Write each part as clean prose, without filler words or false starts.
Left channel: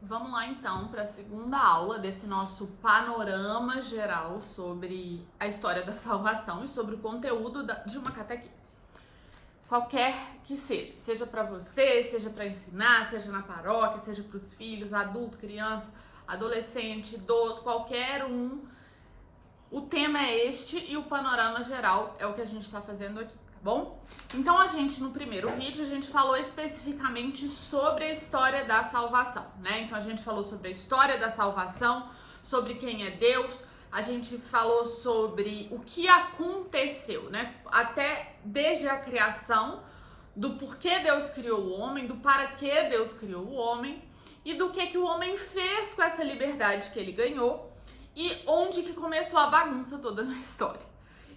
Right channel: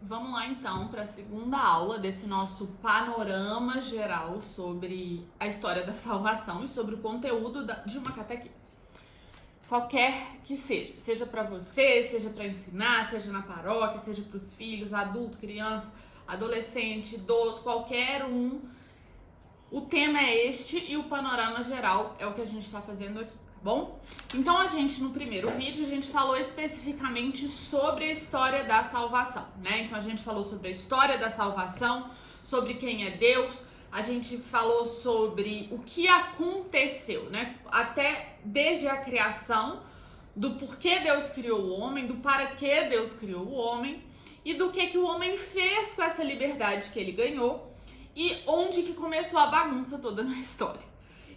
Vamos lá então para a segunda aula desse nosso panorama geral sobre a história da salvação e sobre o conteúdo de uma catequese. Qualquer que seja para você, seja para ensinar, seja na paróquia, seja para os filhos, adulto, criança, adolescente, idoso, qualquer um. O tema é este e o panorama geral é o que a gente está fazendo aqui, tá bom? Então no primeiro vídeo, a gente falou especificamente sobre a história da salvação, né? Então a gente falou sobre a história da salvação, sobre quem é Deus, a gente falou sobre o que aconteceu, né? Até desde a criação, do porquê Deus criou o homem, do para que Deus criou o homem e do que o homem fez com essa liberdade que ele ganhou e onde que começou a bagunça toda na história.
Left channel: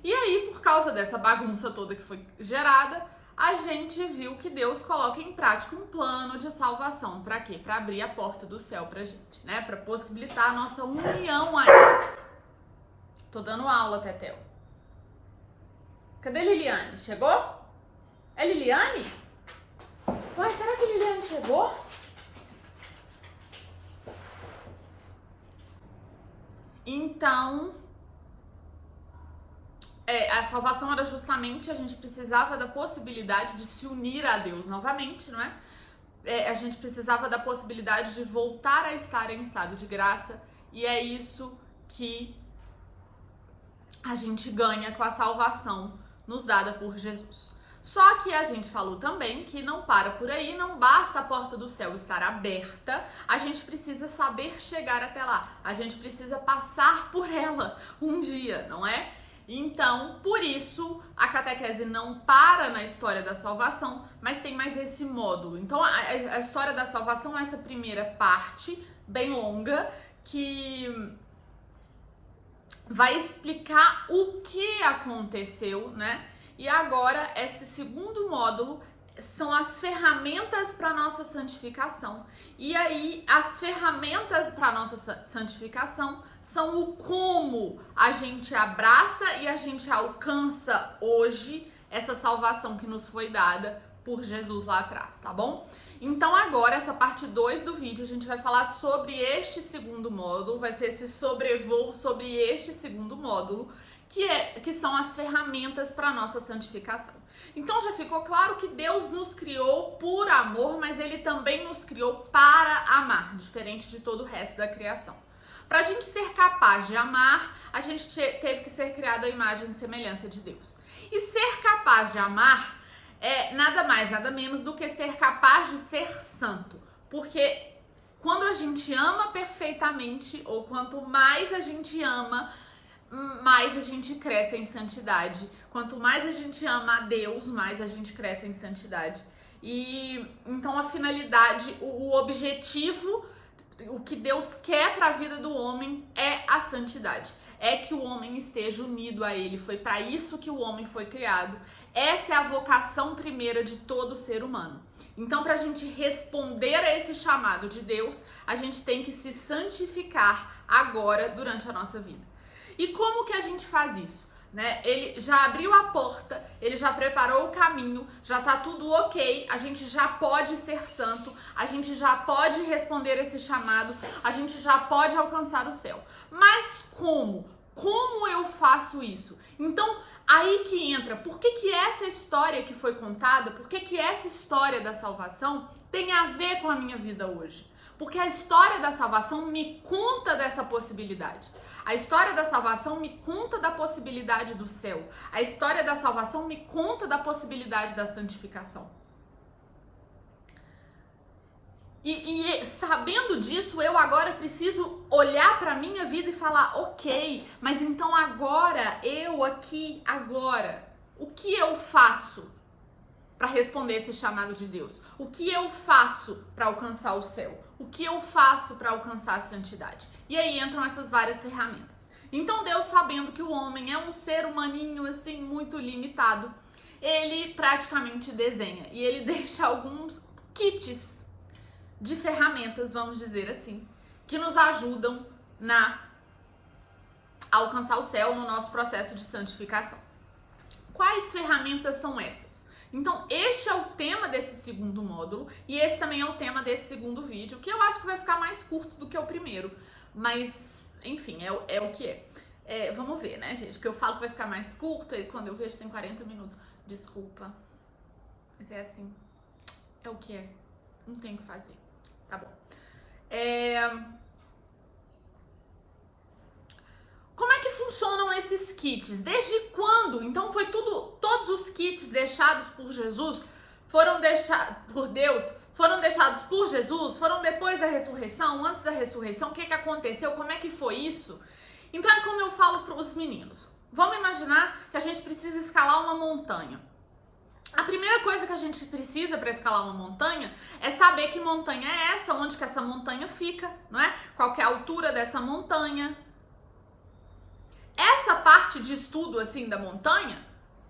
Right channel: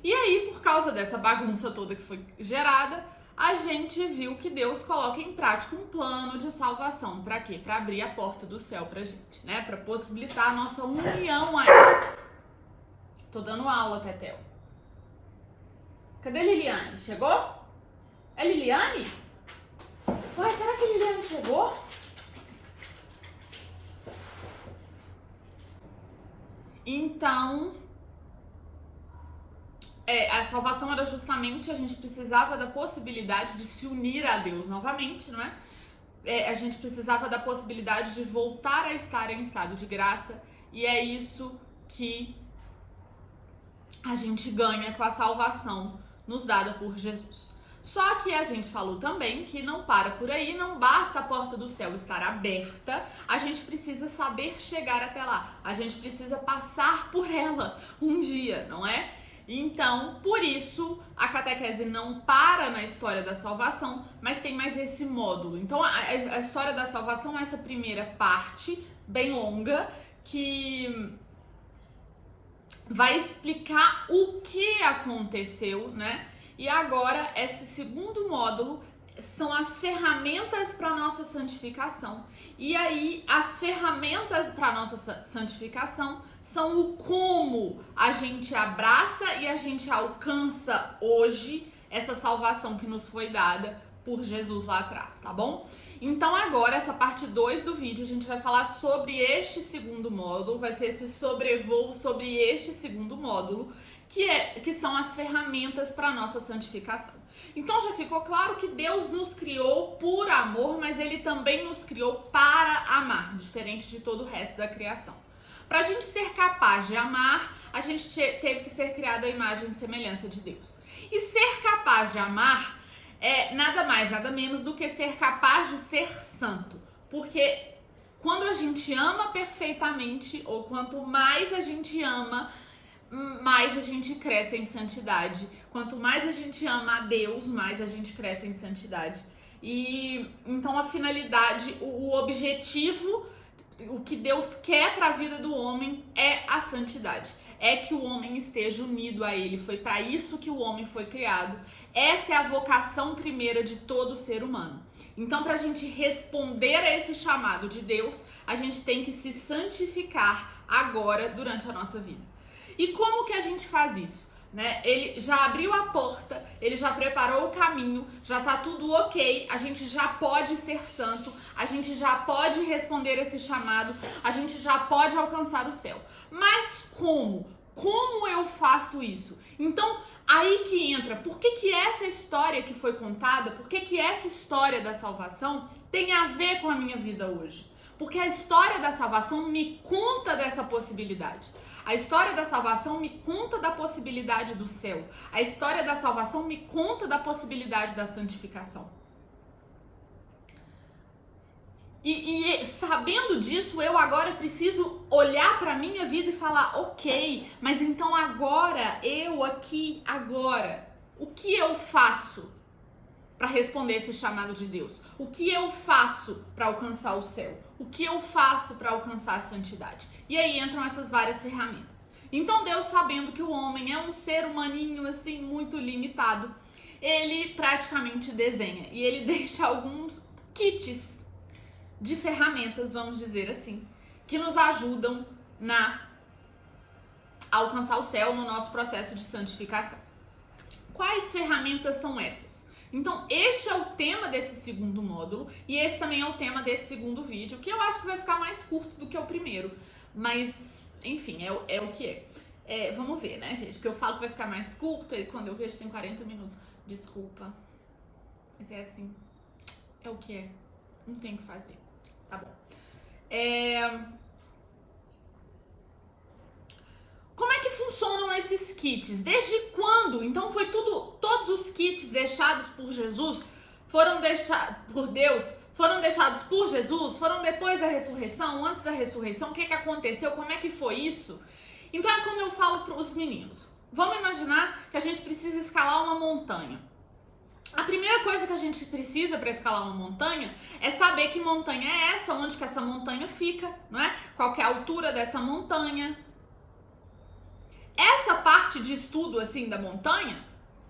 E aí, por causa dessa bagunça toda que foi gerada, a gente viu que Deus coloca em prática um plano de salvação. Pra quê? Pra abrir a porta do céu pra gente, né? Pra possibilitar a nossa união a Ele. Tô dando aula, Tetel. Cadê Liliane? Chegou? É Liliane? Ué, será que Liliane chegou? Então, a salvação era justamente, a gente precisava da possibilidade de se unir a Deus novamente, não é? A gente precisava da possibilidade de voltar a estar em estado de graça, e é isso que a gente ganha com a salvação nos dada por Jesus. Só que a gente falou também que não para por aí, não basta a porta do céu estar aberta, a gente precisa saber chegar até lá, a gente precisa passar por ela um dia, não é? Então, por isso, a catequese não para na história da salvação, mas tem mais esse módulo. Então, a história da salvação é essa primeira parte, bem longa, que vai explicar o que aconteceu, né? E agora, esse segundo módulo são as ferramentas para nossa santificação. E aí, as ferramentas para nossa santificação são o como a gente abraça e a gente alcança hoje essa salvação que nos foi dada por Jesus lá atrás, tá bom? Então agora, essa parte 2 do vídeo, a gente vai falar sobre este segundo módulo, vai ser esse sobrevoo sobre este segundo módulo, que são as ferramentas para a nossa santificação. Então já ficou claro que Deus nos criou por amor, mas Ele também nos criou para amar, diferente de todo o resto da criação. Para a gente ser capaz de amar, a gente teve que ser criado à imagem e semelhança de Deus. E ser capaz de amar é nada mais, nada menos do que ser capaz de ser santo. Porque quando a gente ama perfeitamente, ou quanto mais a gente ama, mais a gente cresce em santidade. Quanto mais a gente ama a Deus, mais a gente cresce em santidade. E então a finalidade, o objetivo, o que Deus quer para a vida do homem é a santidade. É que o homem esteja unido a Ele. Foi para isso que o homem foi criado. Essa é a vocação primeira de todo ser humano. Então, para a gente responder a esse chamado de Deus, a gente tem que se santificar agora, durante a nossa vida. E como que a gente faz isso? Né? Ele já abriu a porta, ele já preparou o caminho, já tá tudo ok, a gente já pode ser santo, a gente já pode responder esse chamado, a gente já pode alcançar o céu. Mas como? Como eu faço isso? Então, aí que entra, por que essa história que foi contada, por que essa história da salvação tem a ver com a minha vida hoje? Porque a história da salvação me conta dessa possibilidade. A história da salvação me conta da possibilidade do céu. A história da salvação me conta da possibilidade da santificação. E sabendo disso, eu agora preciso olhar para a minha vida e falar, ok, mas então agora, o que eu faço para responder esse chamado de Deus? O que eu faço para alcançar o céu? O que eu faço para alcançar a santidade? E aí entram essas várias ferramentas. Então Deus, sabendo que o homem é um ser humaninho assim muito limitado, ele praticamente desenha e ele deixa alguns kits de ferramentas, vamos dizer assim, que nos ajudam a alcançar o céu no nosso processo de santificação. Quais ferramentas são essas? Então, este é o tema desse segundo módulo e esse também é o tema desse segundo vídeo, que eu acho que vai ficar mais curto do que o primeiro, mas, enfim, é o que é. Vamos ver, né, gente? Porque eu falo que vai ficar mais curto e quando eu vejo tem 40 minutos. Desculpa, mas é assim, é o que é. Não tem o que fazer, tá bom. Como é que funcionam esses kits? Desde quando? Então todos os kits deixados por Jesus foram deixados por Deus, foram deixados por Jesus, foram depois da ressurreição, antes da ressurreição, o que aconteceu, como é que foi isso? Então é como eu falo para os meninos. Vamos imaginar que a gente precisa escalar uma montanha. A primeira coisa que a gente precisa para escalar uma montanha é saber que montanha é essa, onde que essa montanha fica, não é? Qual que é a altura dessa montanha. Essa parte de estudo, assim, da montanha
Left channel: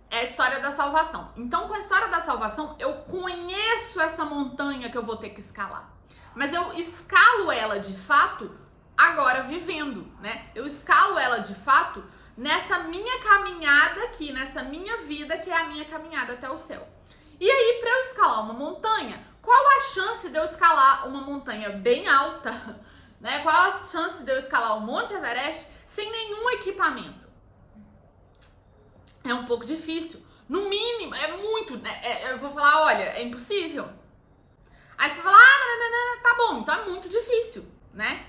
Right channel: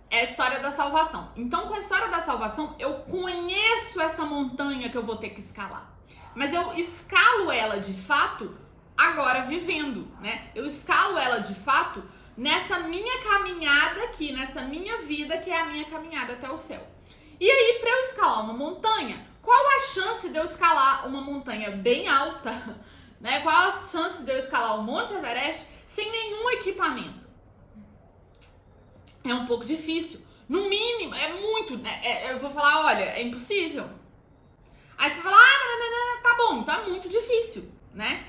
é a história da salvação. Então, com a história da salvação, eu conheço essa montanha que eu vou ter que escalar. Mas eu escalo ela, de fato, agora vivendo, né? Eu escalo ela, de fato, nessa minha caminhada aqui, nessa minha vida, que é a minha caminhada até o céu. E aí, para eu escalar uma montanha, qual a chance de eu escalar uma montanha bem alta, né? Qual a chance de eu escalar o Monte Everest sem nenhum equipamento? É um pouco difícil. No mínimo, é muito, né? Eu vou falar, olha, é impossível. Aí você vai falar, tá bom, então é muito difícil, né?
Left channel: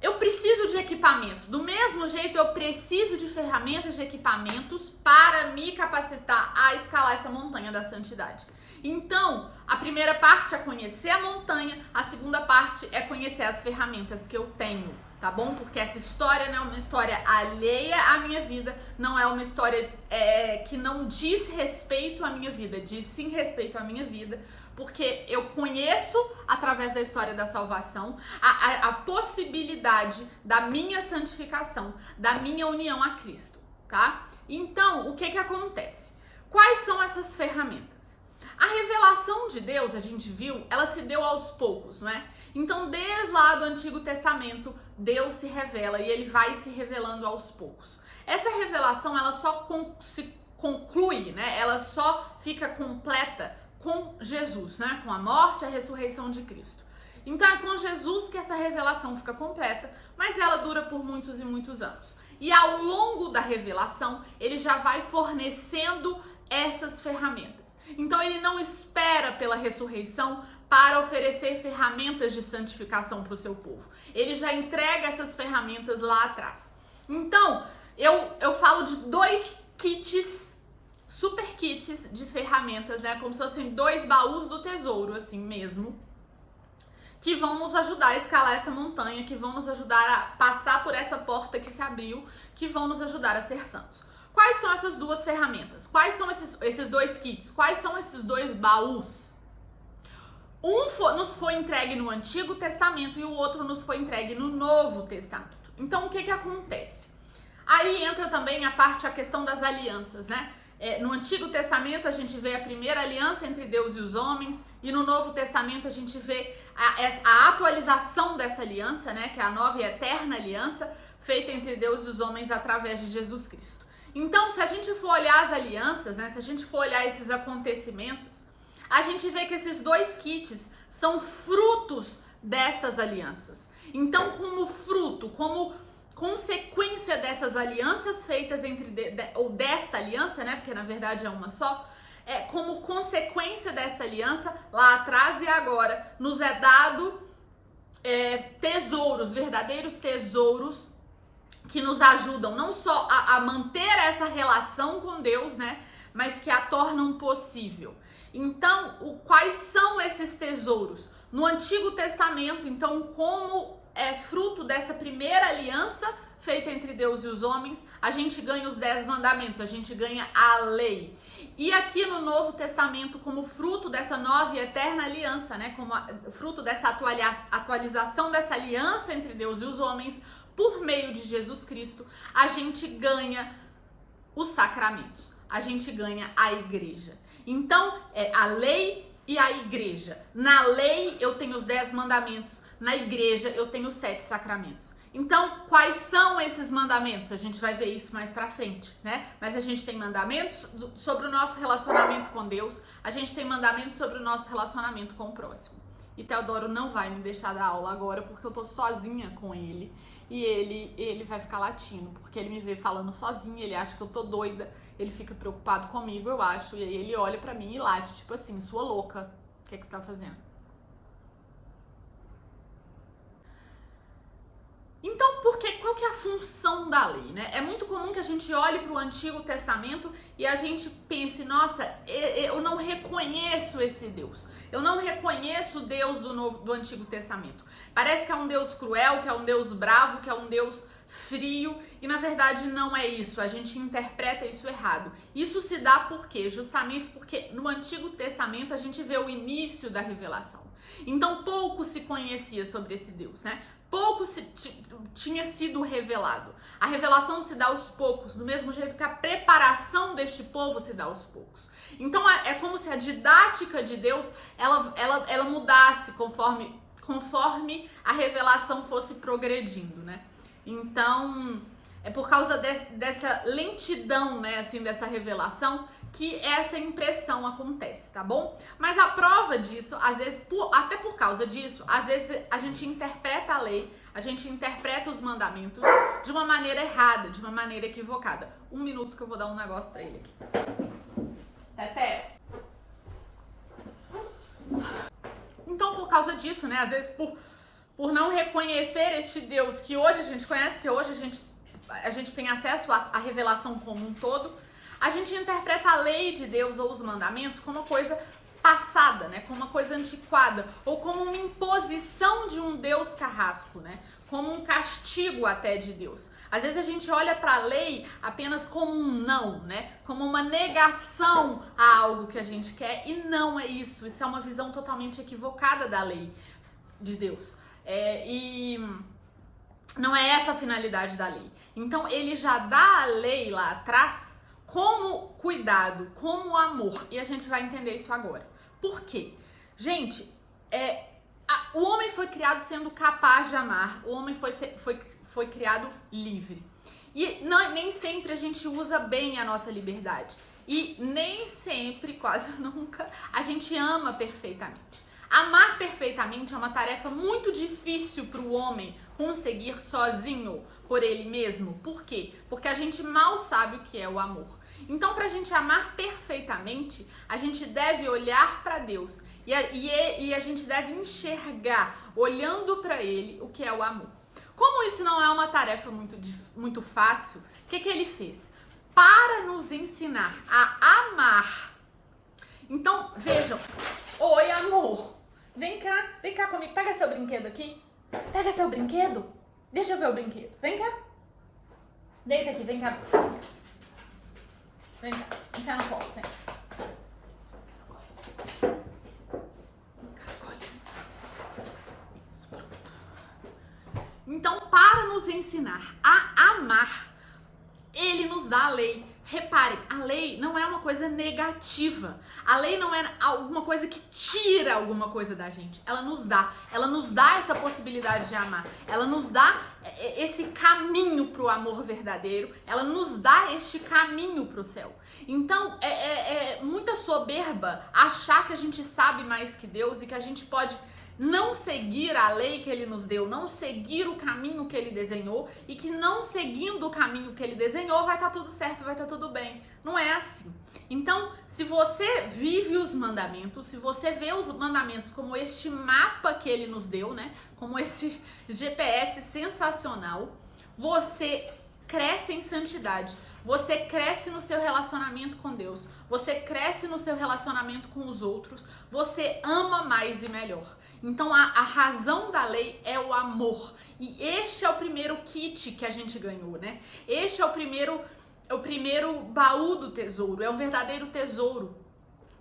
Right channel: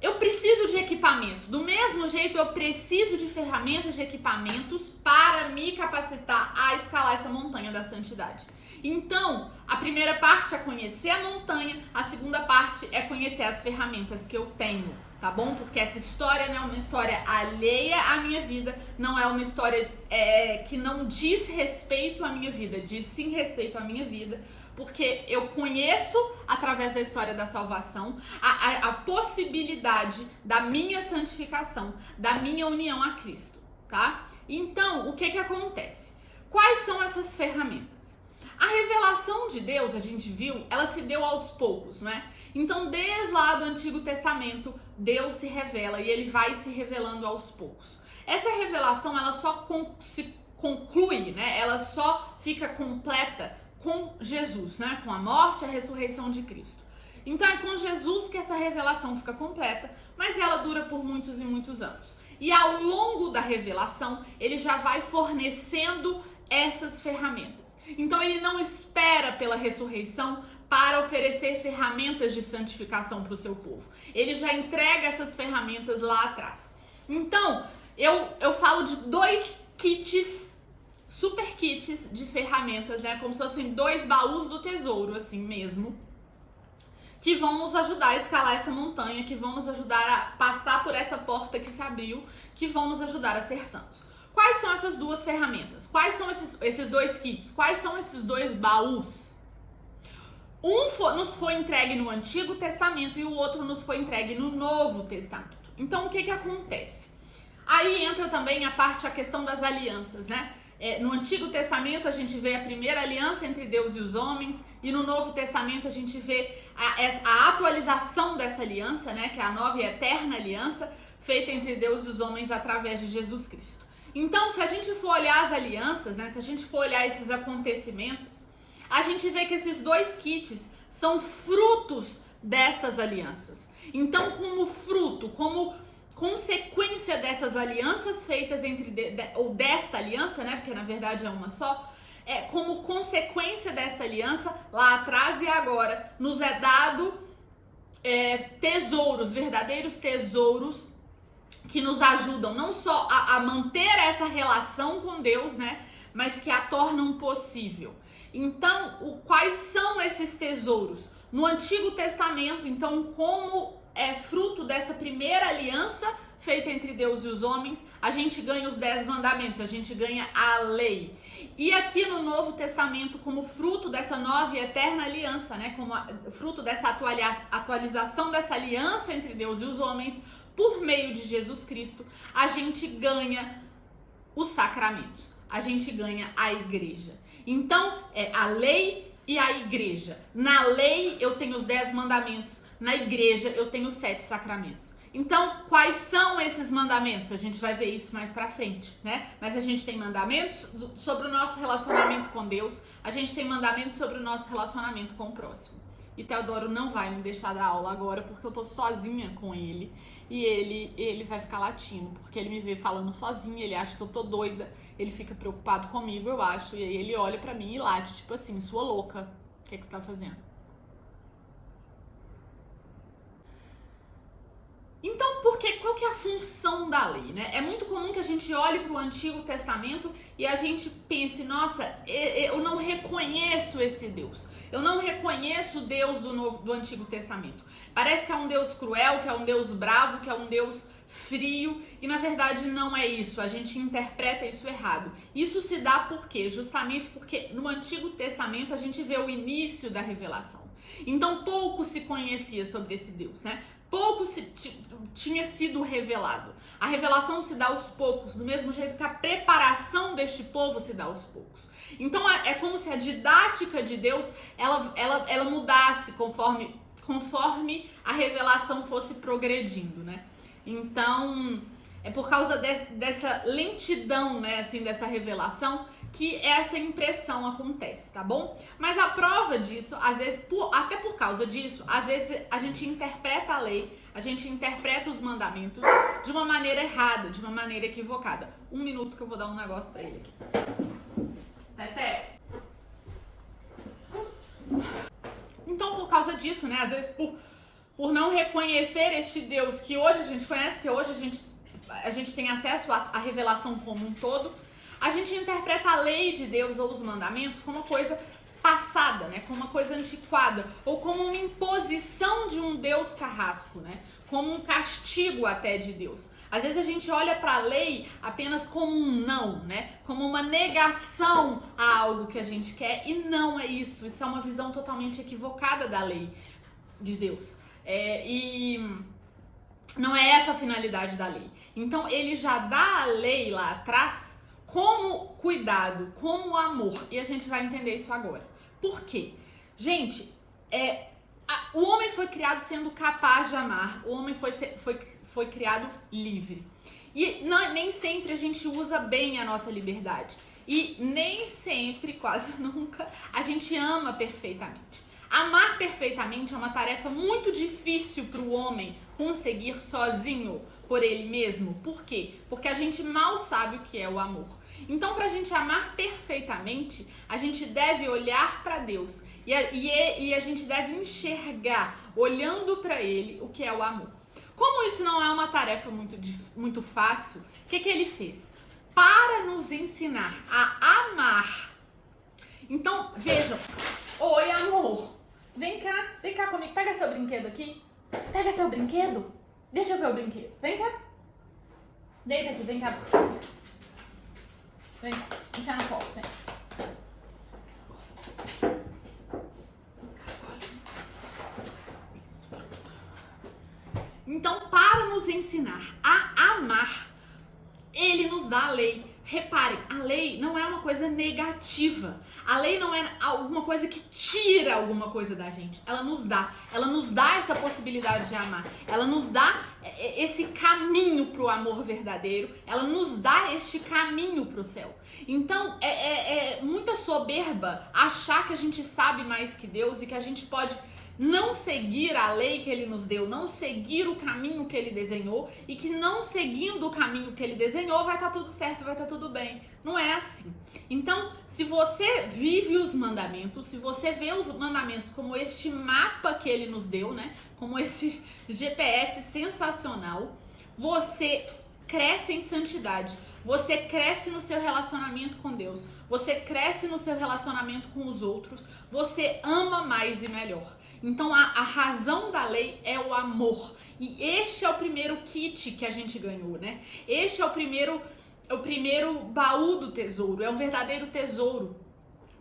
Eu preciso de equipamentos. Do mesmo jeito, eu preciso de ferramentas, de equipamentos para me capacitar a escalar essa montanha da santidade. Então, a primeira parte é conhecer a montanha, a segunda parte é conhecer as ferramentas que eu tenho, tá bom? Porque essa história não é uma história alheia à minha vida, não é uma história que não diz respeito à minha vida, diz sim respeito à minha vida, porque eu conheço, através da história da salvação, a possibilidade da minha santificação, da minha união a Cristo, tá? Então, o que acontece? Quais são essas ferramentas? A revelação de Deus, a gente viu, ela se deu aos poucos, não é? Então, desde lá do Antigo Testamento, Deus se revela e ele vai se revelando aos poucos. Essa revelação, ela só se conclui, né? Ela só fica completa com Jesus, né? Com a morte e a ressurreição de Cristo. Então é com Jesus que essa revelação fica completa, mas ela dura por muitos e muitos anos. E ao longo da revelação, ele já vai fornecendo essas ferramentas. Então ele não espera pela ressurreição para oferecer ferramentas de santificação para o seu povo. Ele já entrega essas ferramentas lá atrás. Então, eu falo de 2 kits, super kits de ferramentas, né? Como se fossem 2 baús do tesouro, assim mesmo, que vão nos ajudar a escalar essa montanha, que vão nos ajudar a passar por essa porta que se abriu, que vão nos ajudar a ser santos. Quais são essas 2 ferramentas? Quais são esses 2 kits? Quais são esses 2 baús? Nos foi entregue no Antigo Testamento e o outro nos foi entregue no Novo Testamento. Então, o que acontece? Aí entra também a questão das alianças, né? No Antigo Testamento a gente vê a primeira aliança entre Deus e os homens, e no Novo Testamento a gente vê a atualização dessa aliança, né? Que é a nova e eterna aliança feita entre Deus e os homens através de Jesus Cristo. Então, se a gente for olhar as alianças, né? Se a gente for olhar esses acontecimentos, a gente vê que esses 2 kits são frutos destas alianças. Então, como fruto, como consequência dessas alianças feitas ou desta aliança, né? Porque na verdade é uma só. Como consequência desta aliança, lá atrás e agora, nos é dado tesouros, verdadeiros tesouros, que nos ajudam não só a manter essa relação com Deus, né? Mas que a tornam possível. Então, quais são esses tesouros? No Antigo Testamento, então, como fruto dessa primeira aliança feita entre Deus e os homens, a gente ganha os 10 mandamentos, a gente ganha a lei. E aqui no Novo Testamento, como fruto dessa nova e eterna aliança, né, como fruto dessa atualização dessa aliança entre Deus e os homens, por meio de Jesus Cristo, a gente ganha os sacramentos, a gente ganha a igreja. Então, a lei e a igreja. Na lei eu tenho os 10 mandamentos, na igreja eu tenho os 7 sacramentos. Então, quais são esses mandamentos? A gente vai ver isso mais pra frente, né? Mas a gente tem mandamentos sobre o nosso relacionamento com Deus, a gente tem mandamentos sobre o nosso relacionamento com o próximo. E Teodoro não vai me deixar dar aula agora, porque eu tô sozinha com ele. E ele vai ficar latindo, porque ele me vê falando sozinho, ele acha que eu tô doida, ele fica preocupado comigo, eu acho. E aí ele olha pra mim e late, tipo assim, sua louca, o que é que você tá fazendo? Então, qual que é a função da lei, né? É muito comum que a gente olhe para o Antigo Testamento e a gente pense, nossa, eu não reconheço esse Deus. Eu não reconheço o Deus do Antigo Testamento. Parece que é um Deus cruel, que é um Deus bravo, que é um Deus frio, e na verdade não é isso. A gente interpreta isso errado. Isso se dá por quê? Justamente porque no Antigo Testamento a gente vê o início da revelação. Então pouco se conhecia sobre esse Deus, né? Pouco tinha sido revelado. A revelação se dá aos poucos, do mesmo jeito que a preparação deste povo se dá aos poucos. Então é como se a didática de Deus ela mudasse conforme a revelação fosse progredindo, né? Então é por causa dessa lentidão, né, assim, dessa revelação, que essa impressão acontece, tá bom? Mas a prova disso, às vezes, até por causa disso, às vezes a gente interpreta a lei, a gente interpreta os mandamentos de uma maneira errada, de uma maneira equivocada. 1 minuto que eu vou dar um negócio pra ele aqui. Pepe. Então, por causa disso, né, às vezes por não reconhecer este Deus que hoje a gente conhece, porque hoje a gente tem acesso à revelação como um todo, a gente interpreta a lei de Deus ou os mandamentos como uma coisa passada, né? Como uma coisa antiquada, ou como uma imposição de um Deus carrasco, né? Como um castigo até de Deus. Às vezes a gente olha para a lei apenas como um não, né? Como uma negação a algo que a gente quer, e não é isso. Isso é uma visão totalmente equivocada da lei de Deus. E não é essa a finalidade da lei. Então ele já dá a lei lá atrás como cuidado, como amor. E a gente vai entender isso agora. Por quê? Gente, o homem foi criado sendo capaz de amar. O homem foi criado livre. E nem sempre a gente usa bem a nossa liberdade. E nem sempre, quase nunca, a gente ama perfeitamente. Amar perfeitamente é uma tarefa muito difícil para o homem conseguir sozinho, por ele mesmo. Por quê? Porque a gente mal sabe o que é o amor. Então, para a gente amar perfeitamente, a gente deve olhar para Deus e a gente deve enxergar, olhando para Ele, o que é o amor. Como isso não é uma tarefa muito fácil, o que ele fez? Para nos ensinar a amar. Então, vejam. Oi, amor. Vem cá comigo. Pega seu brinquedo aqui. Pega seu brinquedo. Deixa eu ver o brinquedo. Vem cá. Deita aqui, vem cá. Vem cá no colo, vem. Então, para nos ensinar a amar, ele nos dá a lei. Reparem, a lei não é uma coisa negativa. A lei não é alguma coisa que tira alguma coisa da gente. Ela nos dá essa possibilidade de amar. Ela nos dá esse caminho pro amor verdadeiro. Ela nos dá este caminho pro céu. Então, é muita soberba achar que a gente sabe mais que Deus e que a gente pode não seguir a lei que ele nos deu, não seguir o caminho que ele desenhou, e que não seguindo o caminho que ele desenhou vai estar tudo certo, vai estar tudo bem. Não é assim. Então, se você vive os mandamentos, se você vê os mandamentos como este mapa que ele nos deu, né? Como esse GPS sensacional, você cresce em santidade. Você cresce no seu relacionamento com Deus. Você cresce no seu relacionamento com os outros. Você ama mais e melhor. Então, a razão da lei é o amor. E este é o primeiro kit que a gente ganhou, né? Este é o primeiro baú do tesouro. É um verdadeiro tesouro.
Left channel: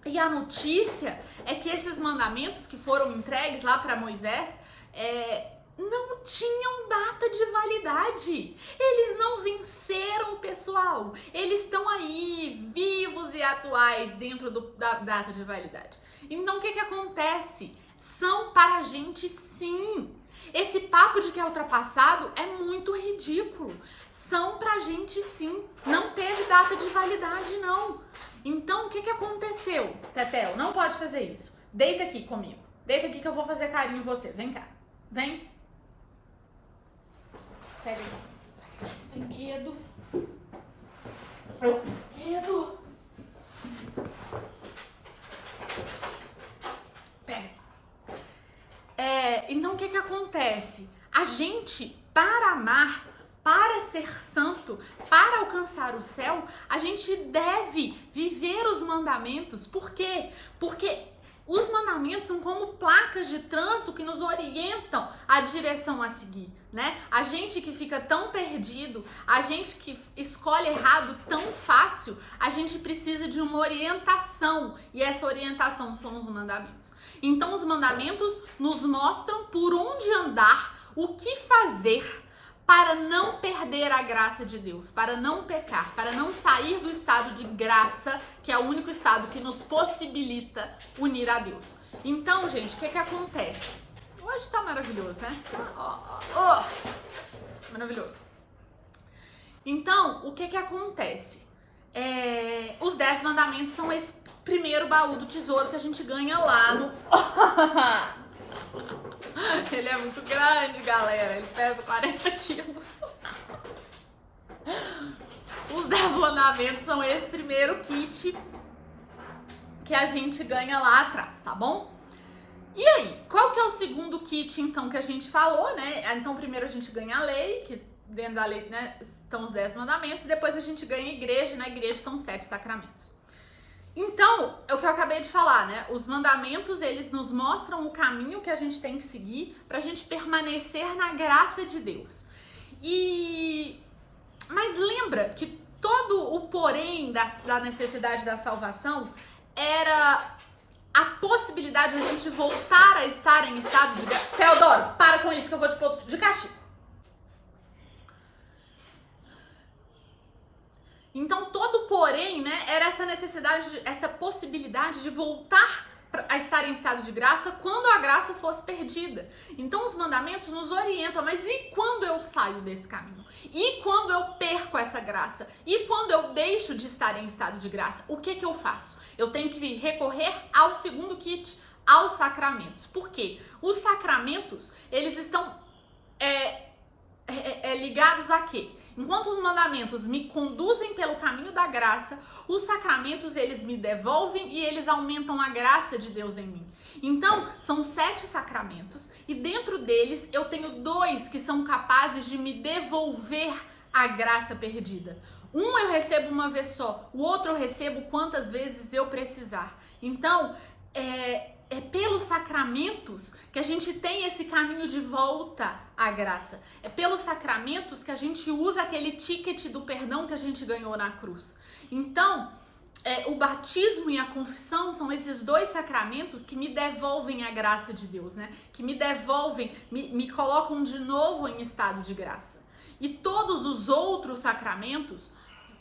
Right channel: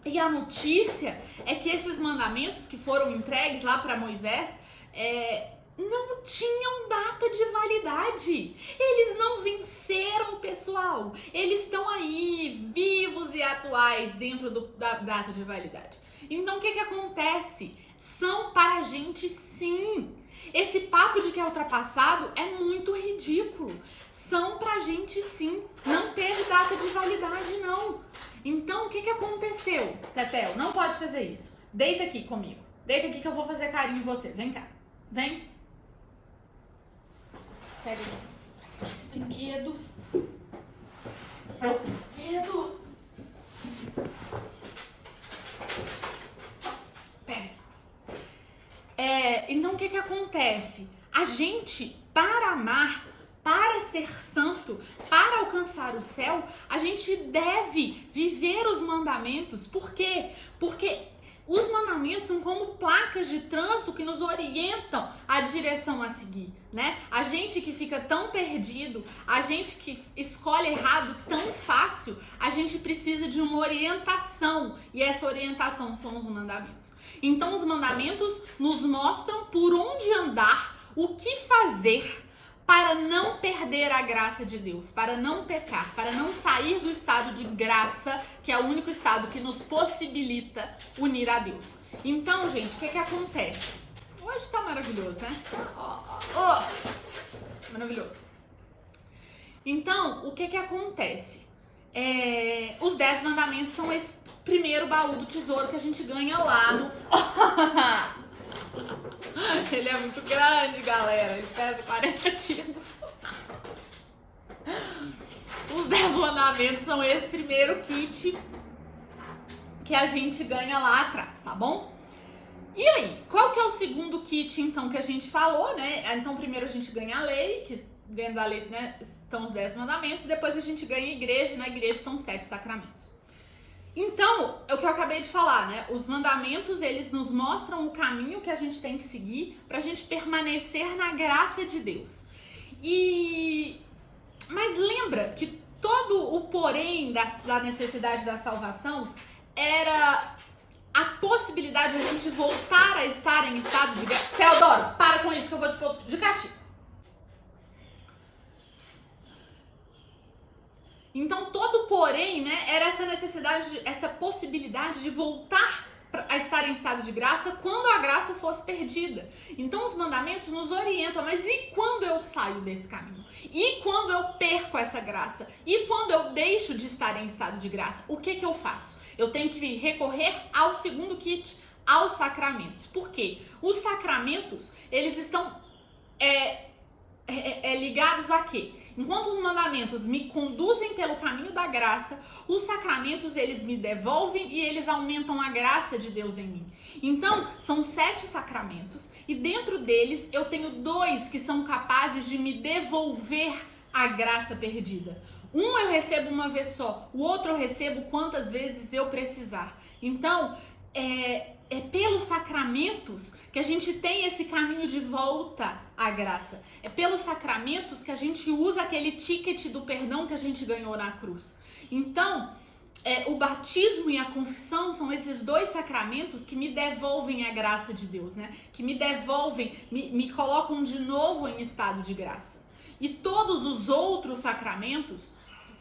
E a notícia é que esses mandamentos que foram entregues lá para Moisés não tinham data de validade. Eles não venceram, pessoal. Eles estão aí, vivos e atuais dentro da data de validade. Então o que acontece? São para a gente sim. Esse papo de que é ultrapassado é muito ridículo. São pra gente sim. Não teve data de validade, não. Então, o que aconteceu? Tetel, não pode fazer isso. Deita aqui comigo. Deita aqui que eu vou fazer carinho em você. Vem cá. Vem. Pega esse brinquedo. Brinquedo. Pega. Então, o que acontece? A gente, para amar, para ser santo, para alcançar o céu, a gente deve viver os mandamentos. Por quê? Porque os mandamentos são como placas de trânsito que nos orientam a direção a seguir, né? A gente que fica tão perdido, a gente que escolhe errado tão fácil, a gente precisa de uma orientação, e essa orientação são os mandamentos. Então os mandamentos nos mostram por onde andar, o que fazer para não perder a graça de Deus, para não pecar, para não sair do estado de graça, que é o único estado que nos possibilita unir a Deus. Então, gente, o que acontece? Hoje tá maravilhoso, né? Maravilhoso. Então, o que acontece? Os 10 mandamentos são esse primeiro baú do tesouro que a gente ganha lá no... Ele é muito grande, galera. Ele pesa 40 quilos. Os 10 mandamentos são esse primeiro kit que a gente ganha lá atrás, tá bom? E aí, qual que é o segundo kit, então, que a gente falou, né? Então, primeiro a gente ganha a lei, que dentro da lei, né, estão os 10 mandamentos. Depois a gente ganha a igreja, e na igreja estão os 7 sacramentos. Então, é o que eu acabei de falar, né? Os mandamentos, eles nos mostram o caminho que a gente tem que seguir pra gente permanecer na graça de Deus. Mas lembra que todo o porém da necessidade da salvação era a possibilidade de a gente voltar a estar em estado de graça. Teodoro, para com isso que eu vou te pôr de castigo. Então, todo porém, né, era essa necessidade, essa possibilidade de voltar a estar em estado de graça quando a graça fosse perdida. Então, os mandamentos nos orientam, mas e quando eu saio desse caminho? E quando eu perco essa graça? E quando eu deixo de estar em estado de graça? O que eu faço? Eu tenho que recorrer ao segundo kit, aos sacramentos. Por quê? Os sacramentos, eles estão ligados a quê? Enquanto os mandamentos me conduzem pelo caminho da graça, os sacramentos, eles me devolvem e eles aumentam a graça de Deus em mim. Então, são 7 sacramentos e dentro deles eu tenho 2 que são capazes de me devolver a graça perdida. Um eu recebo uma vez só, o outro eu recebo quantas vezes eu precisar. Então, é pelos sacramentos que a gente tem esse caminho de volta à graça. É pelos sacramentos que a gente usa aquele ticket do perdão que a gente ganhou na cruz. Então, o batismo e a confissão são esses 2 sacramentos que me devolvem a graça de Deus, né? Que me devolvem, me colocam de novo em estado de graça. E todos os outros sacramentos,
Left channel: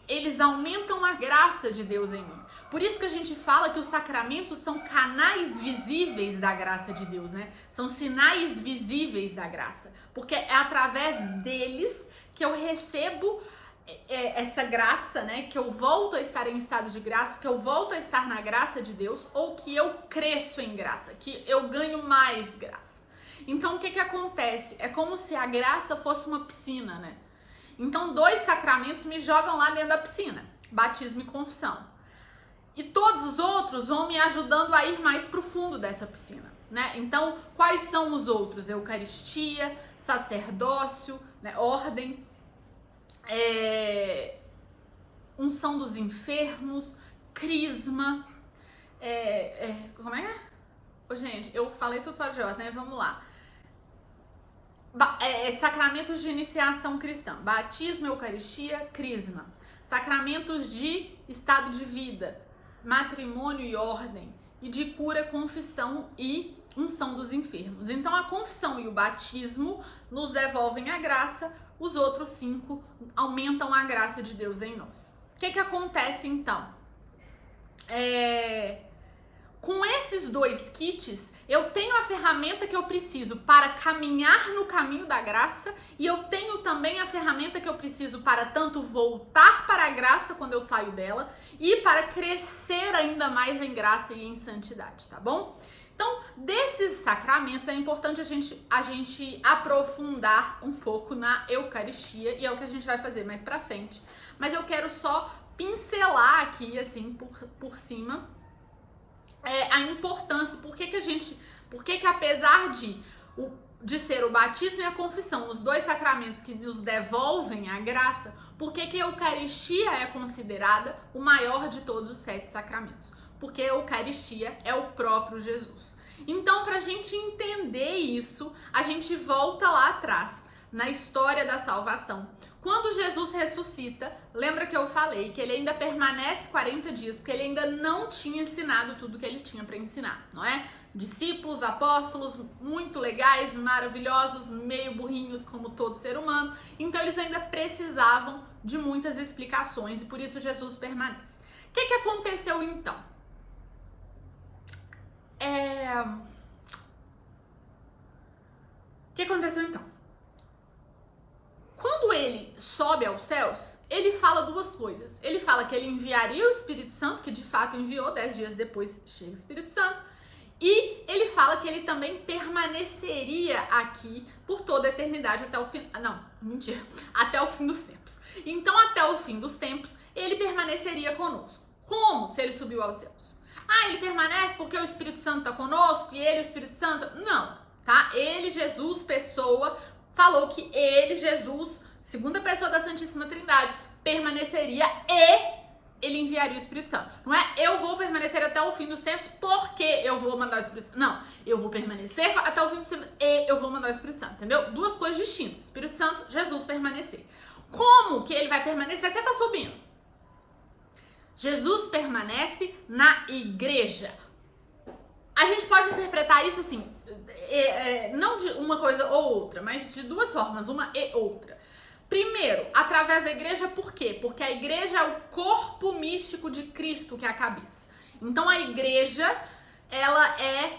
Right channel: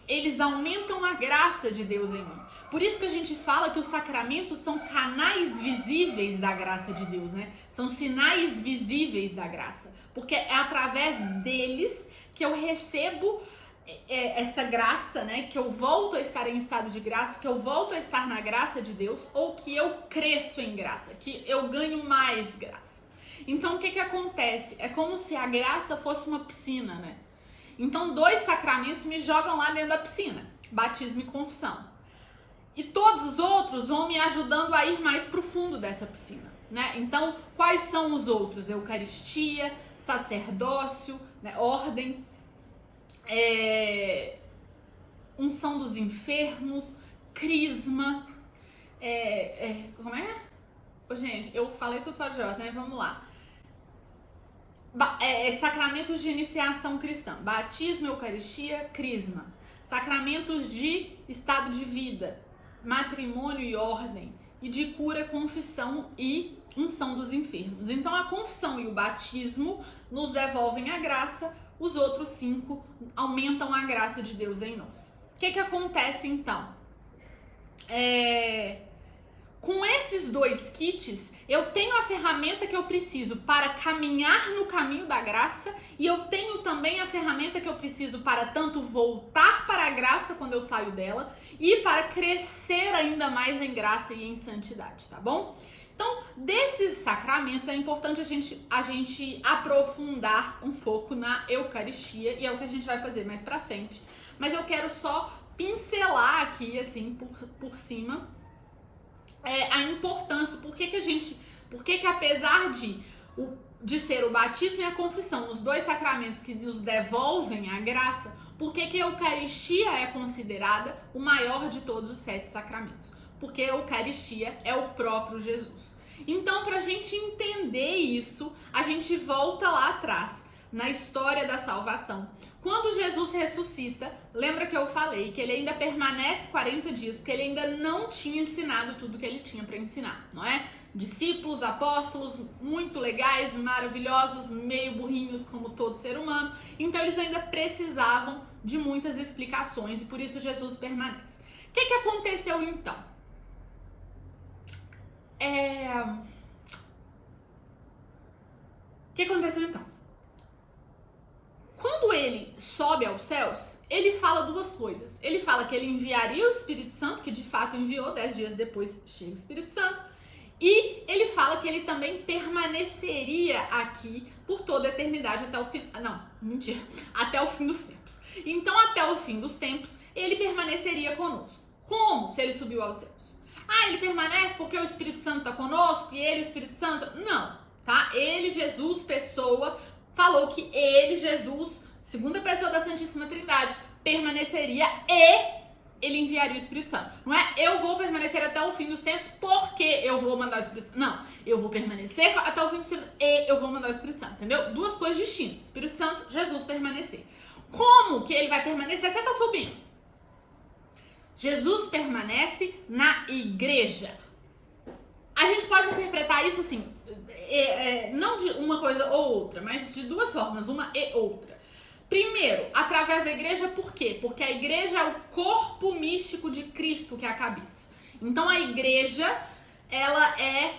eles aumentam a graça de Deus em mim. Por isso que a gente fala que os sacramentos são canais visíveis da graça de Deus, né? São sinais visíveis da graça. Porque é através deles que eu recebo essa graça, né? Que eu volto a estar em estado de graça, que eu volto a estar na graça de Deus, ou que eu cresço em graça, que eu ganho mais graça. Então, o que acontece? É como se a graça fosse uma piscina, né? Então, 2 sacramentos me jogam lá dentro da piscina. Batismo e confissão. E todos os outros vão me ajudando a ir mais pro fundo dessa piscina, né? Então, quais são os outros? Eucaristia, sacerdócio, né? Ordem, unção dos enfermos, crisma, como é? Gente, eu falei tudo fora de ordem, né? Vamos lá. Sacramentos de iniciação cristã, batismo, eucaristia, crisma. Sacramentos de estado de vida, matrimônio e ordem, e de cura, confissão e unção dos enfermos. Então a confissão e o batismo nos devolvem a graça, os outros 5 aumentam a graça de Deus em nós. O que acontece então? com esses 2 kits, eu tenho a ferramenta que eu preciso para caminhar no caminho da graça e eu tenho também a ferramenta que eu preciso para tanto voltar para a graça quando eu saio dela e para crescer ainda mais em graça e em santidade, tá bom? Então, desses sacramentos é importante a gente aprofundar um pouco na Eucaristia e é o que a gente vai fazer mais pra frente. Mas eu quero só pincelar aqui, assim, por cima, a importância, por que apesar de ser o batismo e a confissão, os 2 sacramentos que nos devolvem a graça, por que a Eucaristia é considerada o maior de todos os 7 sacramentos? Porque a Eucaristia é o próprio Jesus. Então, para a gente entender isso, a gente volta lá atrás, na história da salvação. Quando Jesus ressuscita, lembra que eu falei que ele ainda permanece 40 dias, porque ele ainda não tinha ensinado tudo que ele tinha para ensinar, não é? Discípulos, apóstolos, muito legais, maravilhosos, meio burrinhos como todo ser humano. Então, eles ainda precisavam de muitas explicações e por isso Jesus permanece. O que aconteceu então? O que aconteceu então? Quando ele sobe aos céus, ele fala 2 coisas. Ele fala que ele enviaria o Espírito Santo, que de fato enviou, 10 dias depois chega o Espírito Santo. E ele fala que ele também permaneceria aqui por toda a eternidade até o fim. Não, mentira. Até o fim dos tempos. Então, até o fim dos tempos, ele permaneceria conosco. Como se ele subiu aos céus? Ah, ele permanece porque o Espírito Santo está conosco e ele, o Espírito Santo... Não, tá? Ele, Jesus, pessoa, falou que ele, Jesus, segunda pessoa da Santíssima Trindade, permaneceria e ele enviaria o Espírito Santo. Não é eu vou permanecer até o fim dos tempos porque eu vou mandar o Espírito Santo. Não, eu vou permanecer até o fim dos tempos e eu vou mandar o Espírito Santo, entendeu? 2 coisas distintas. Espírito Santo, Jesus permanecer. Como que ele vai permanecer? Você tá subindo. Jesus permanece na igreja. A gente pode interpretar isso assim, não de uma coisa ou outra, mas de 2 formas, uma e outra. Primeiro, através da igreja, por quê? Porque a igreja é o corpo místico de Cristo, que é a cabeça. Então a igreja, ela é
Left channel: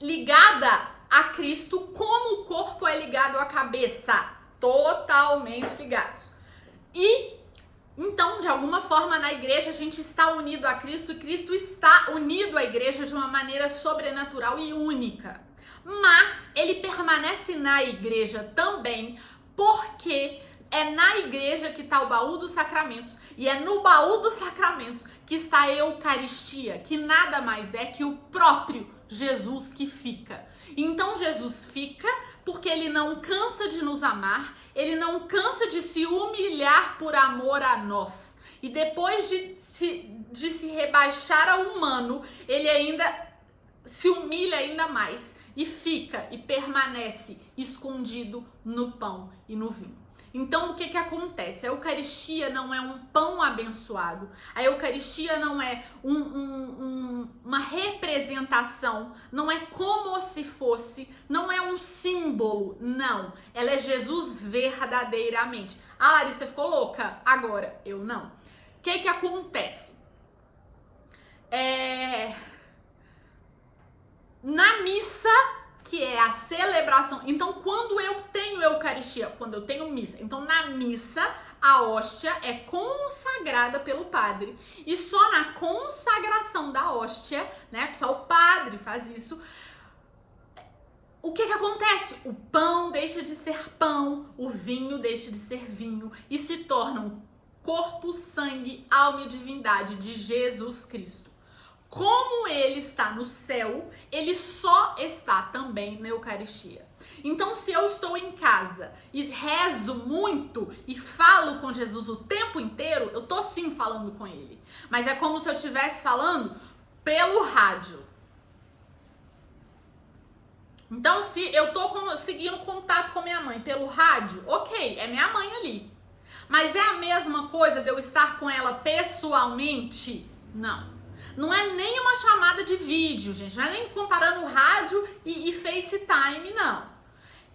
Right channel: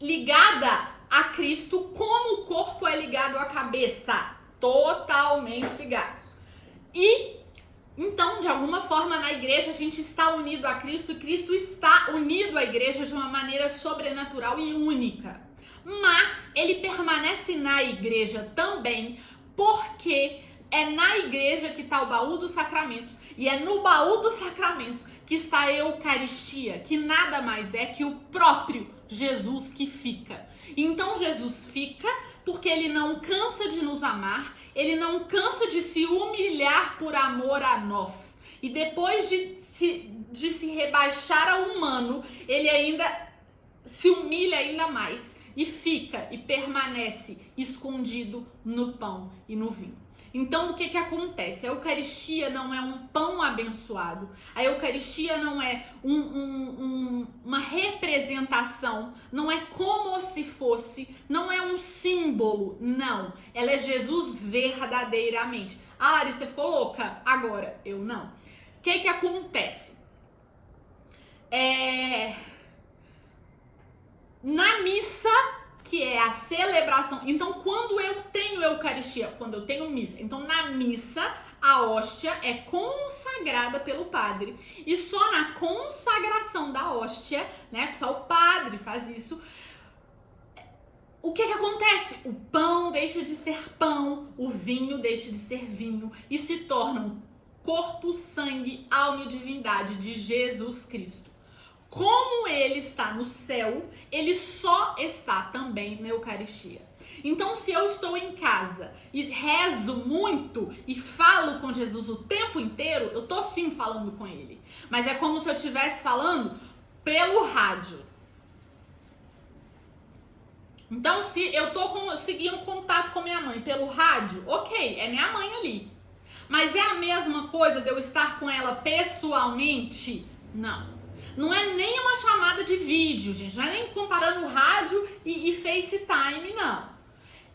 ligada a Cristo como o corpo é ligado à cabeça. Totalmente ligados. E então, de alguma forma, na igreja a gente está unido a Cristo e Cristo está unido à igreja de uma maneira sobrenatural e única. Mas ele permanece na igreja também porque é na igreja que está o baú dos sacramentos e é no baú dos sacramentos que está a Eucaristia, que nada mais é que o próprio Jesus que fica. Então, Jesus fica porque ele não cansa de nos amar, ele não cansa de se humilhar por amor a nós. E depois de se rebaixar ao humano, ele ainda se humilha ainda mais e fica e permanece escondido no pão e no vinho. Então, o que acontece? A Eucaristia não é um pão abençoado. A Eucaristia não é uma representação. Não é como se fosse. Não é um símbolo. Não. Ela é Jesus verdadeiramente. Ah, Larissa, você ficou louca? Agora, eu não. O que acontece? Na missa, que é a celebração. Então, quando eu tenho Eucaristia, quando eu tenho missa, então na missa a hóstia é consagrada pelo padre. E só na consagração da hóstia, né, só o padre faz isso. O que acontece? O pão deixa de ser pão, o vinho deixa de ser vinho e se tornam corpo, sangue, alma e divindade de Jesus Cristo. Como ele está no céu, ele só está também na Eucaristia. Então, se eu estou em casa e rezo muito e falo com Jesus o tempo inteiro, eu tô sim falando com ele. Mas é como se eu estivesse falando pelo rádio. Então, se eu tô conseguindo contato com minha mãe pelo rádio, ok, é minha mãe ali. Mas é a mesma coisa de eu estar com ela pessoalmente? Não. Não é nem uma chamada de vídeo, gente. Não é nem comparando rádio e FaceTime, não.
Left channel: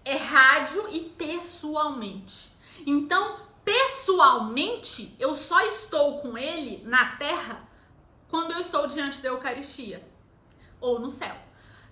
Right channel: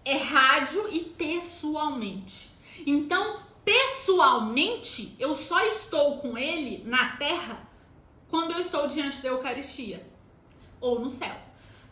É rádio e pessoalmente. Então, pessoalmente, eu só estou com ele na Terra quando eu estou diante da Eucaristia? Ou no céu?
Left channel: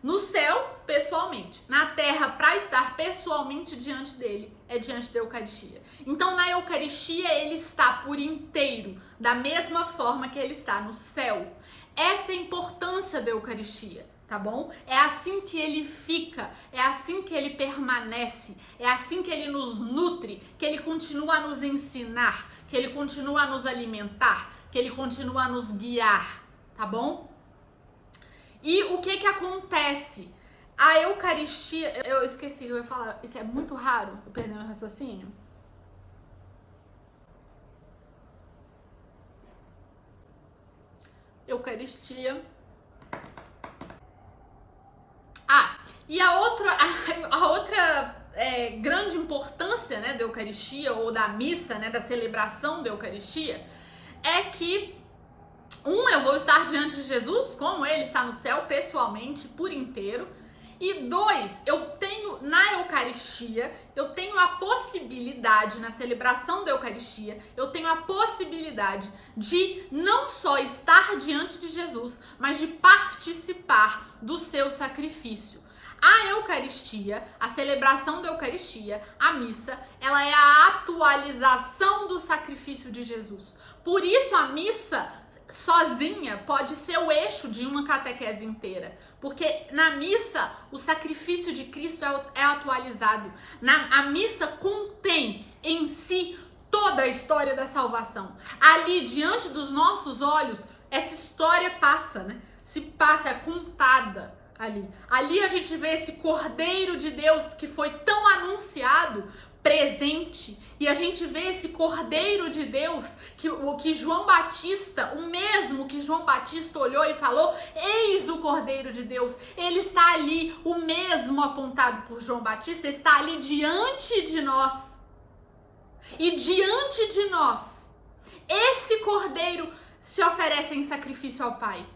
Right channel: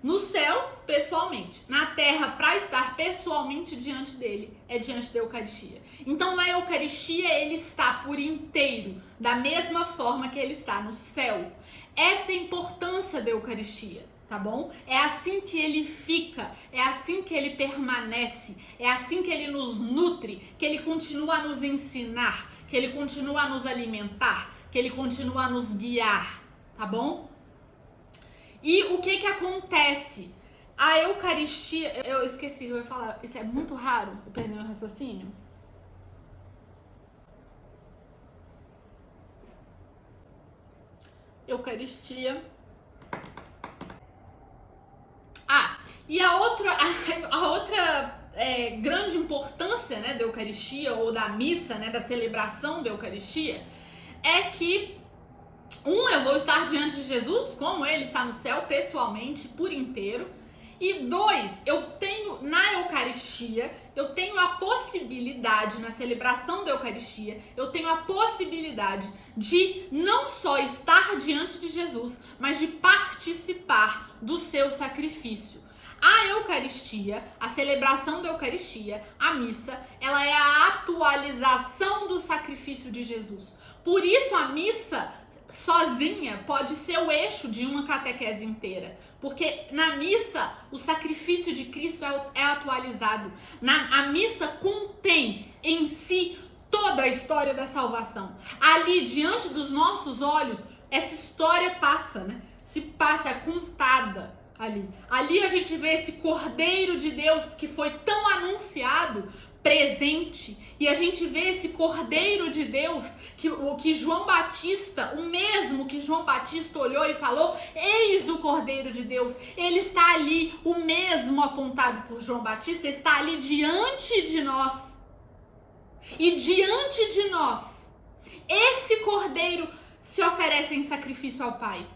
No céu, pessoalmente. Na terra, para estar pessoalmente diante dele, é diante da Eucaristia. Então, na Eucaristia, ele está por inteiro, da mesma forma que ele está no céu. Essa é a importância da Eucaristia, tá bom? É assim que ele fica, é assim que ele permanece, é assim que ele nos nutre, que ele continua a nos ensinar, que ele continua a nos alimentar, que ele continua a nos guiar, tá bom? E o que acontece? A Eucaristia, eu esqueci, eu ia falar, isso é muito raro, eu perdi meu raciocínio. Eucaristia. E a outra grande importância, né, da Eucaristia ou da missa, né, da celebração da Eucaristia, é que eu vou estar diante de Jesus, como ele está no céu, pessoalmente, por inteiro. E 2, eu tenho na Eucaristia, eu tenho a possibilidade, na celebração da Eucaristia, eu tenho a possibilidade de não só estar diante de Jesus, mas de participar do seu sacrifício. A Eucaristia, a celebração da Eucaristia, a missa, ela é a atualização do sacrifício de Jesus. Por isso a missa sozinha pode ser o eixo de uma catequese inteira, porque na missa o sacrifício de Cristo é atualizado. A missa contém em si toda a história da salvação. Ali, diante dos nossos olhos, essa história passa, né? Se passa, é contada ali. Ali a gente vê esse Cordeiro de Deus que foi tão anunciado, presente, e a gente vê esse Cordeiro de Deus que João Batista, o mesmo que João Batista olhou e falou: eis o Cordeiro de Deus. Ele está ali, o mesmo apontado por João Batista está ali diante de nós. E diante de nós, esse Cordeiro se oferece em sacrifício ao Pai.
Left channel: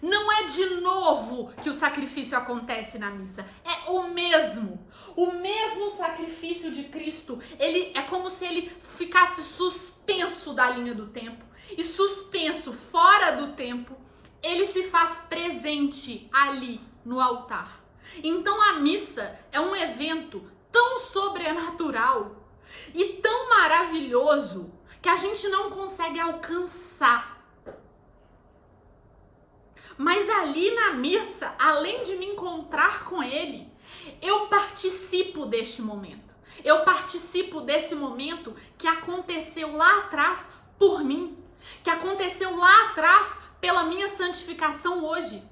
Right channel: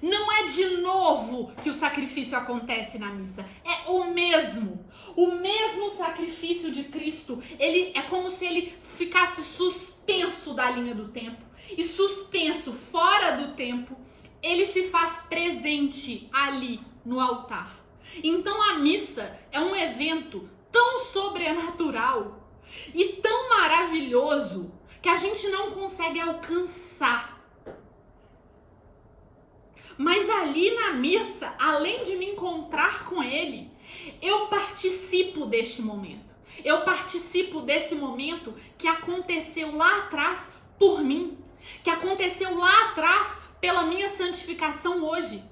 Não é de novo que o sacrifício acontece na missa. É o mesmo. O mesmo sacrifício de Cristo. Ele é como se ele ficasse suspenso da linha do tempo. E suspenso fora do tempo, ele se faz presente ali no altar. Então a missa é um evento tão sobrenatural e tão maravilhoso que a gente não consegue alcançar. Mas ali na missa, além de me encontrar com ele, eu participo deste momento. Eu participo desse momento que aconteceu lá atrás por mim, que aconteceu lá atrás pela minha santificação hoje.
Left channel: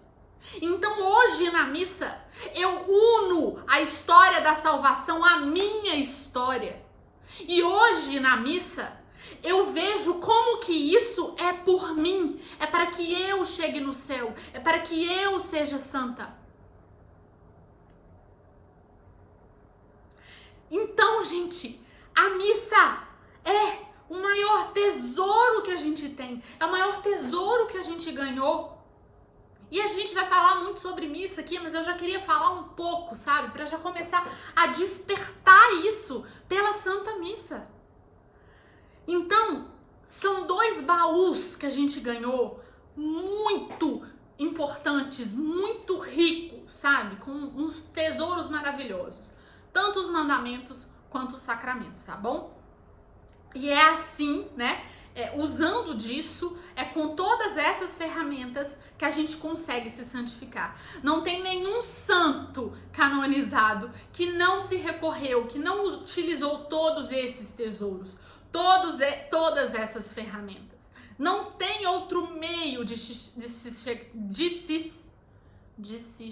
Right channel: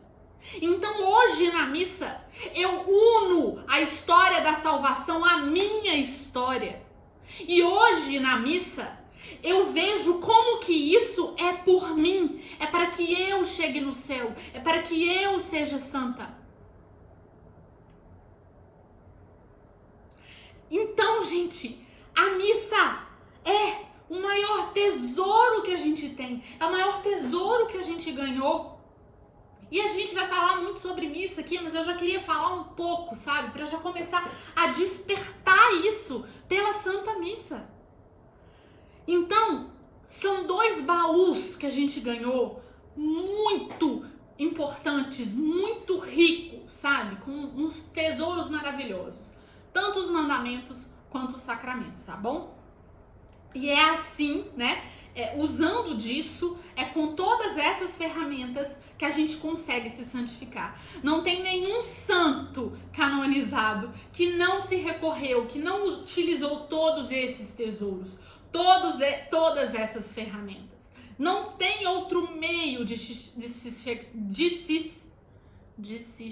Então hoje na missa, eu uno a história da salvação à minha história. E hoje na missa, eu vejo como que isso é por mim, é para que eu chegue no céu, é para que eu seja santa. Então, gente, a missa é o maior tesouro que a gente tem, é o maior tesouro que a gente ganhou. E a gente vai falar muito sobre missa aqui, mas eu já queria falar um pouco, sabe, para já começar a despertar isso pela Santa Missa. Então, são 2 baús que a gente ganhou muito importantes, muito ricos, sabe? Com uns tesouros maravilhosos. Tanto os mandamentos quanto os sacramentos, tá bom? E é assim, né? Usando disso, com todas essas ferramentas que a gente consegue se santificar. Não tem nenhum santo canonizado que não se recorreu, que não utilizou todos esses tesouros. Todas essas ferramentas. Não tem outro meio de se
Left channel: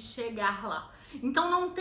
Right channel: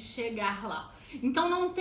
chegar lá. Então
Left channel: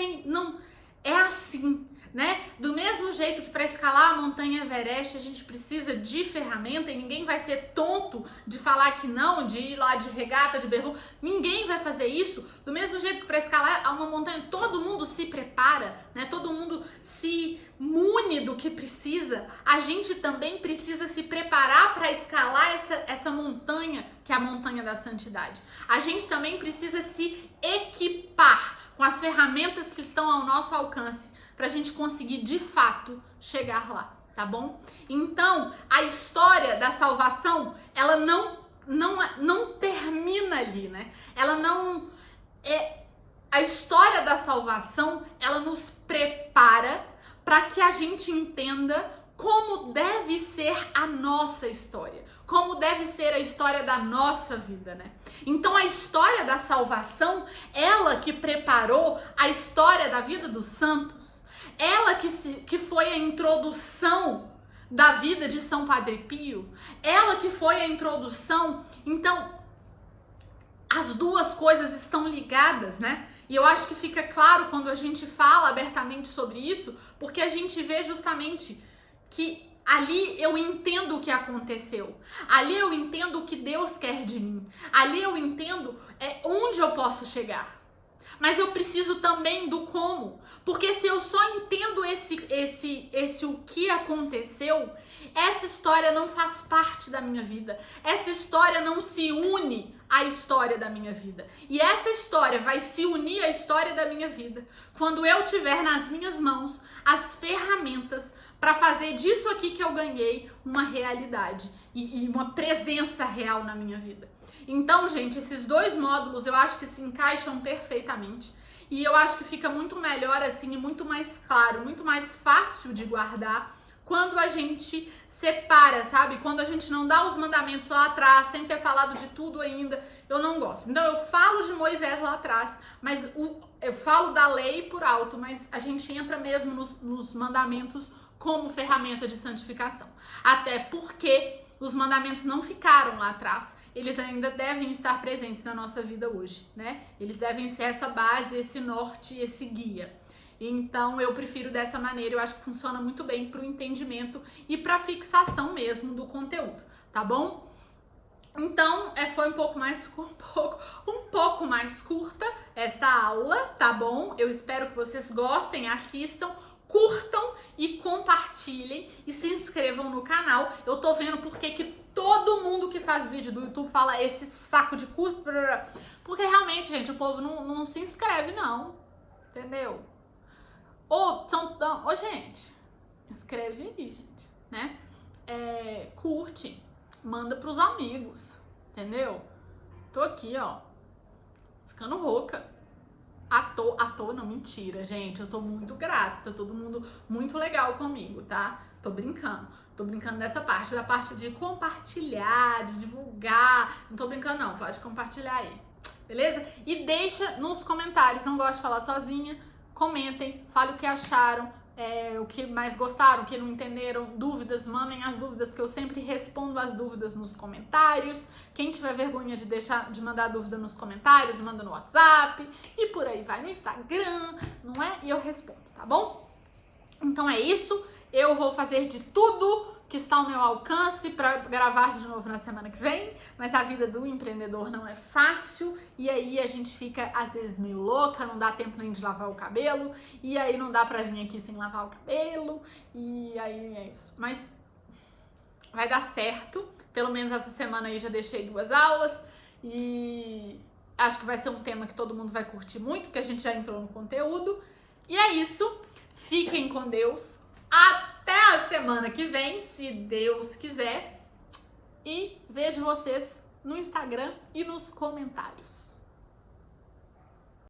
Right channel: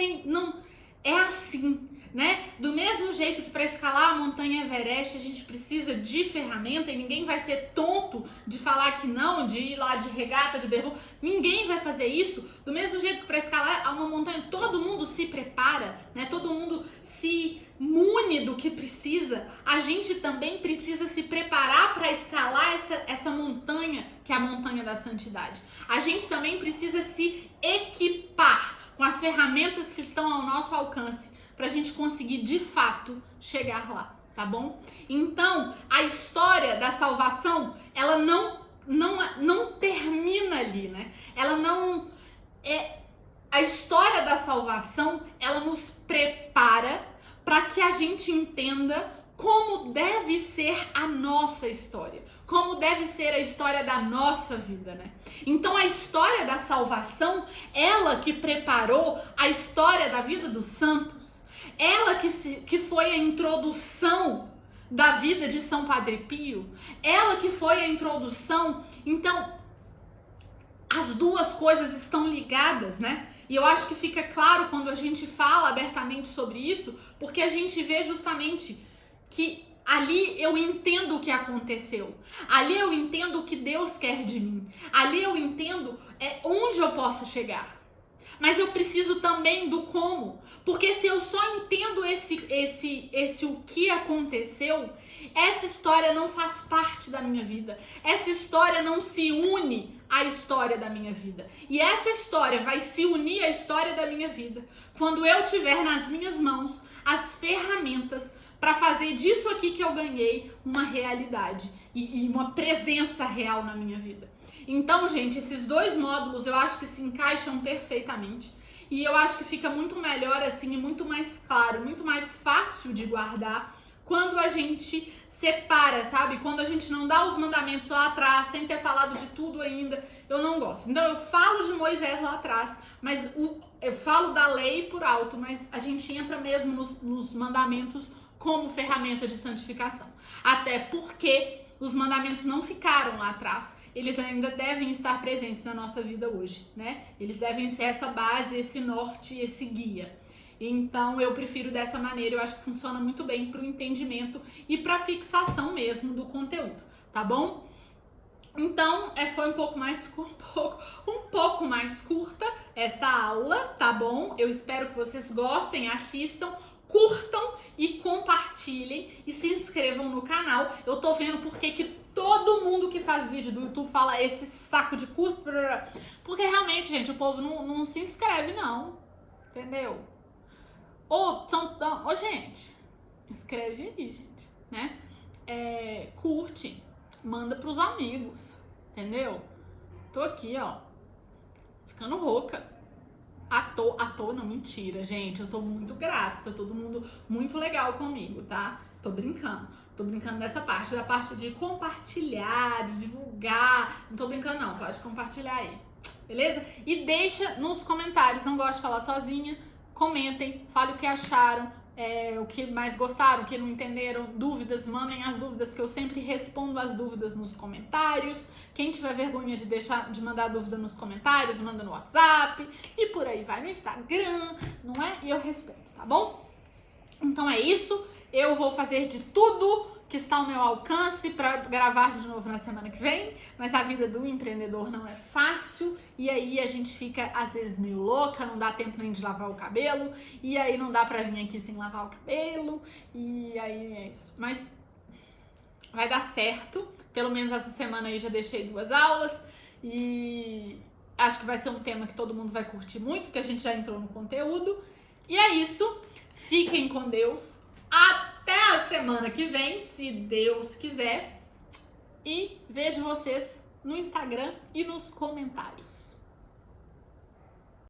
é assim, né? Do mesmo jeito que para escalar a montanha Everest a gente precisa de ferramenta, e ninguém vai ser tonto de falar que não, de ir lá de regata, de bermuda. Ninguém vai fazer isso. Do mesmo jeito que para escalar uma montanha todo mundo se prepara, né? Todo mundo se mune do que precisa. A gente também precisa se preparar para escalar essa montanha, que é a montanha da santidade. A gente também precisa se equipar com as ferramentas que estão ao nosso alcance para a gente conseguir de fato chegar lá, tá bom? Então, a história da salvação, ela não não termina ali, né? Ela não é a história da salvação, ela nos prepara para que a gente entenda como deve ser a nossa história, como deve ser a história da nossa vida, né? Então a história da salvação, ela que preparou a história da vida dos santos, ela que foi a introdução da vida de São Padre Pio, ela que foi a introdução. Então as duas coisas estão ligadas, né? E eu acho que fica claro quando a gente fala abertamente sobre isso, porque a gente vê justamente que ali eu entendo o que aconteceu, ali eu entendo o que Deus quer de mim, ali eu entendo onde eu posso chegar. Mas eu preciso também do como, porque se eu só entendo esse o que aconteceu, essa história não faz parte da minha vida, essa história não se une à história da minha vida. E essa história vai se unir à história da minha vida quando eu tiver nas minhas mãos as ferramentas para fazer disso aqui que eu ganhei uma realidade e uma presença real na minha vida. Então, gente, esses dois módulos eu acho que se encaixam perfeitamente e eu acho que fica muito melhor assim e muito mais claro, muito mais fácil de guardar quando a gente separa, sabe? Quando a gente não dá os mandamentos lá atrás, sem ter falado de tudo ainda, eu não gosto. Então eu falo de Moisés lá atrás, mas eu falo da lei por alto, mas a gente entra mesmo nos mandamentos como ferramenta de santificação. Até porque os mandamentos não ficaram lá atrás. Eles ainda devem estar presentes na nossa vida hoje, né? Eles devem ser essa base, esse norte, esse guia. Então eu prefiro dessa maneira, eu acho que funciona muito bem para o entendimento e para fixação mesmo do conteúdo, tá bom? Então foi um pouco mais curta esta aula, tá bom? Eu espero que vocês gostem, assistam, curtam e compartilhem e se inscrevam no canal. Eu tô vendo porque que todo mundo que faz vídeo do YouTube fala esse saco de curto, porque realmente, gente, o povo não se inscreve não, entendeu? Gente, inscreve aí, gente, né? Curte, manda pros amigos, entendeu? Tô aqui, ó, ficando rouca. À toa, não, mentira, gente, eu tô muito grata, todo mundo muito legal comigo, tá? Tô brincando dessa parte, da parte de compartilhar, de divulgar, não tô brincando não, pode compartilhar aí, beleza? E deixa nos comentários, não gosto de falar sozinha, comentem, falem o que acharam, o que mais gostaram, o que não entenderam, dúvidas, mandem as dúvidas que eu sempre respondo as dúvidas nos comentários. Quem tiver vergonha de mandar dúvida nos comentários, manda no WhatsApp e por aí vai, no Instagram, não é? E eu respondo, tá bom? Então é isso, eu vou fazer de tudo que está ao meu alcance para gravar de novo na semana que vem, mas a vida do empreendedor não é fácil e aí a gente fica às vezes meio louca, não dá tempo nem de lavar o cabelo e aí não dá pra vir aqui sem lavar o cabelo e aí é isso, mas vai dar certo, pelo menos essa semana aí já deixei 2 aulas e acho que vai ser um tema que todo mundo vai curtir muito, porque a gente já entrou no conteúdo e é isso, fiquem com Deus, até a semana que vem, se Deus quiser. E vejo vocês no Instagram e nos comentários.